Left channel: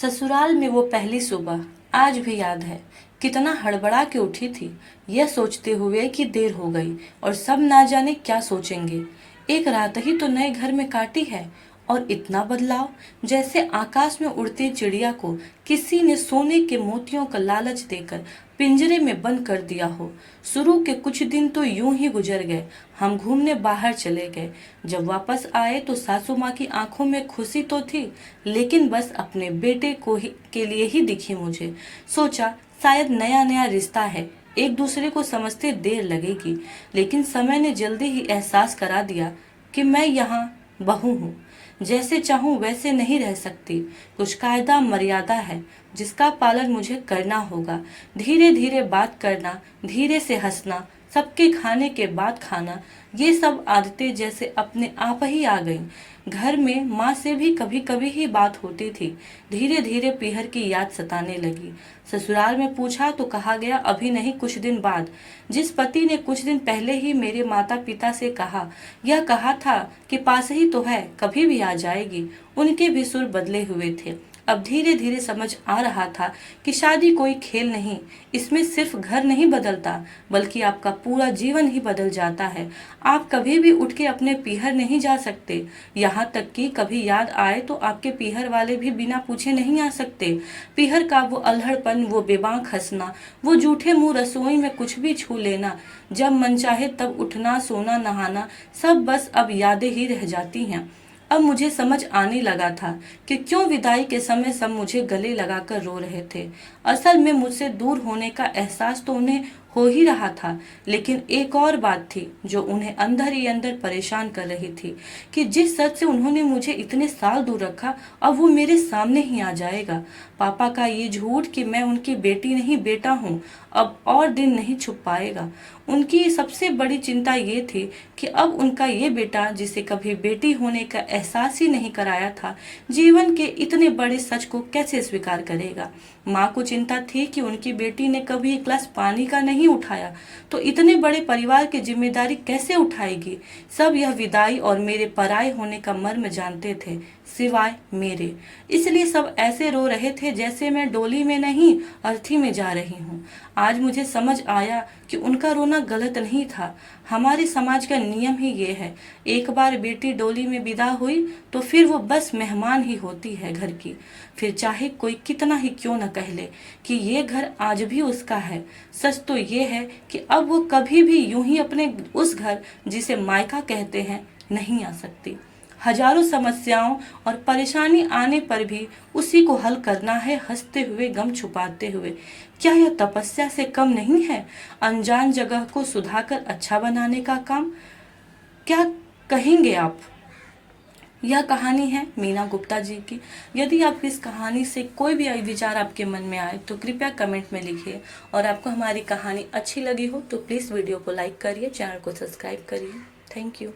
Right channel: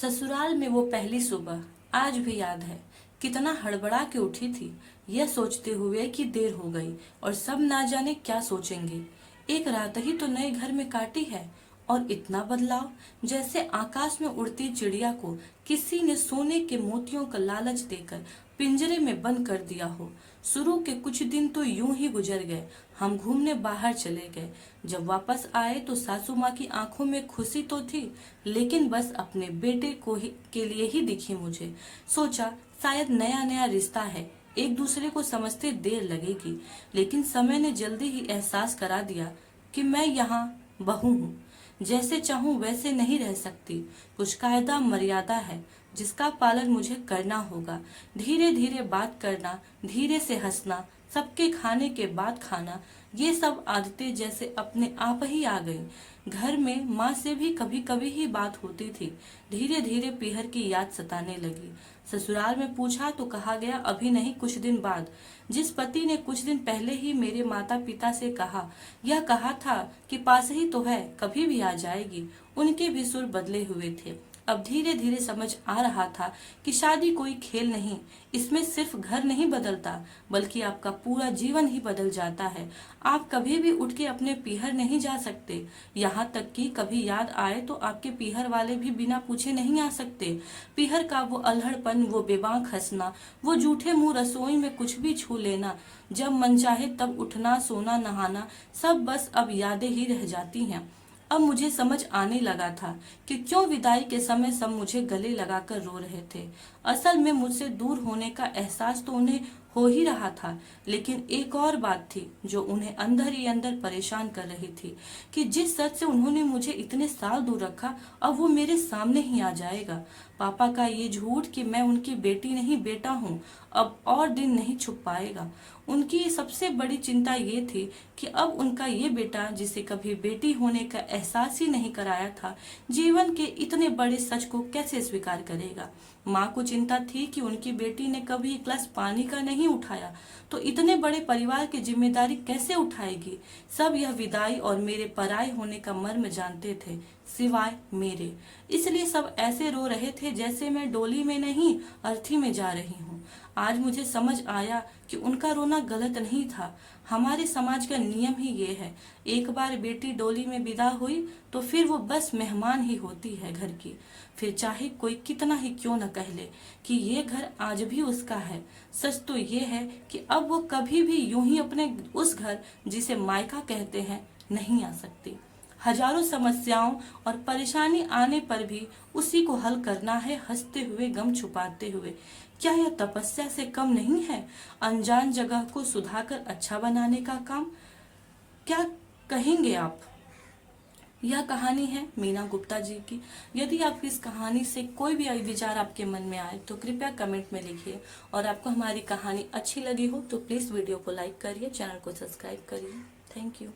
ससुराल में वो पहली सुबह आज भी याद है। कितना हड़बड़ा के उठी थी, यह सोचते हुए कि देर हो गई और सब ना जाने क्या सोचेंगे। एक रात ही तो नए घर में काटी है और इतना बदलाव, जैसे आकाश में उड़ती चिड़िया को किसी ने सोने के मोतियों का लालच देकर पिंजरे में बंद कर दिया हो। शुरू के कुछ दिन तो यूं ही गुजर गए। हम घूमने बाहर चले गए। जब वापस आए तो सासू माँ की आंखों में खुशी तो थी, लेकिन बस अपने बेटे के लिए ही दिखी मुझे। सोचा शायद नया नया रिश्ता है, एक दूसरे को समझते देर लगेगी, लेकिन समय ने जल्दी ही एहसास करा दिया कि मैं यहाँ बहू हूँ। जैसे चाहूँ वैसे नहीं रह सकती। कुछ कायदा मर्यादा है जिसका पालन मुझे करना होगा। धीरे धीरे बात करना, धीरे से हंसना, सबके खाने के बाद खाना, ये सब आदतें जैसे अपने आप ही आ गईं। घर में माँ से भी कभी कभी ही बात होती थी। धीरे धीरे पीहर की याद सताने लगी। ससुराल में पूछा तो कहा गया अभी नहीं, कुछ दिन बाद। जिस पति ने कुछ दिन पहले ही मेरे माता पिता से यह कहा था कि पास ही तो है, कभी भी आ जाएगी, उनके भी सुर बदले हुए थे। अब धीरे धीरे समझ आ रहा था कि शादी कोई खेल नहीं, इसमें सिर्फ घर नहीं बदलता, बल्कि आपका पूरा जीवन ही बदल जाता है। आप कभी भी उठ के अपने पीहर नहीं जा सकते, यहाँ तक कि कभी याद आए तो आपके पीहर वाले भी बिना पूछे नहीं आ सकते। पीहर का वो अल्हड़पन, वो बेबाक हंसना, वो जूठे मुंह रसोई में कुछ भी छू लेना, जब मन चाहे तब उठना, सोना, नहाना, सब बस अब यादें ही रह जाती हैं। अब मुझे समझ आने लगा था कि क्यों विदाई के समय सब मुझे गले लगाकर रो रहे थे। असल में मुझसे दूर होने का एहसास तो उन्हें हो ही रहा था, लेकिन एक और बात थी जो उन्हें अंदर ही अंदर परेशान कर रही थी कि जिस सच से उन्होंने मुझे इतने साल दूर रखा, अब वो मेरे सामने ही आ जाएगा। पापा का ये झूठ कि मैं उनकी बेटी नहीं बेटा हूँ, अब और दिन नहीं छुप पाएगा। उनकी सबसे बड़ी चिंता ये थी कि अब उनका ये बेटा, जिसे कभी बेटी होने का एहसास ही नहीं कराया था, जीवन के इतने बड़े सच को कैसे स्वीकार करेगा। माँ को चिंता थी कि उनकी बेटी ने कभी एक गिलास पानी का नहीं उठाया तो इतने बड़े परिवार की जिम्मेदारी कैसे उठाएगी। सब यह विदाई और मेरे पराये होने का मर्म जानते थे, सिवाय मेरे। इसलिए सब ऐसे रो रहे थे जैसे मैं डोली में नहीं, अर्थी में जा रही हूँ। आज मुझे समझ आया कि उनका रोना गलत नहीं था। हमारे समाज का नियम ही ये है, एक बार बेटी डोली में विदा हुई तो फिर वो बस मेहमान ही होती है घर की। फिर चाहे कोई कितना ही क्यों न कह ले कि ये घर आज भी उसका है, सच तो ये है कि अब वो कभी भी यूं ही अपने उस घर, जिसे मायका कहते हैं, नहीं आ सकती। हजारों समस्याओं और परेशानी आने पर भी उसी को हल करना है, हंसते हुए, गम छुपाते हुए। क्या यह तपस्या से कम नहीं है? अनजान जगह को सुधाकर अच्छा बनाने का काम। क्या कहेंगे आप? यह कहानी है मीना गुप्ता जी की। यदि आप इस कहानी से कोई भी विचार आपके मन में आए तो कृपया कमेंट में लिखिए, और आपको हमारी कहानी अच्छी लगी हो तो प्लीज़ वीडियो को लाइक करिए, चैनल को सब्सक्राइब करिए। Thank you.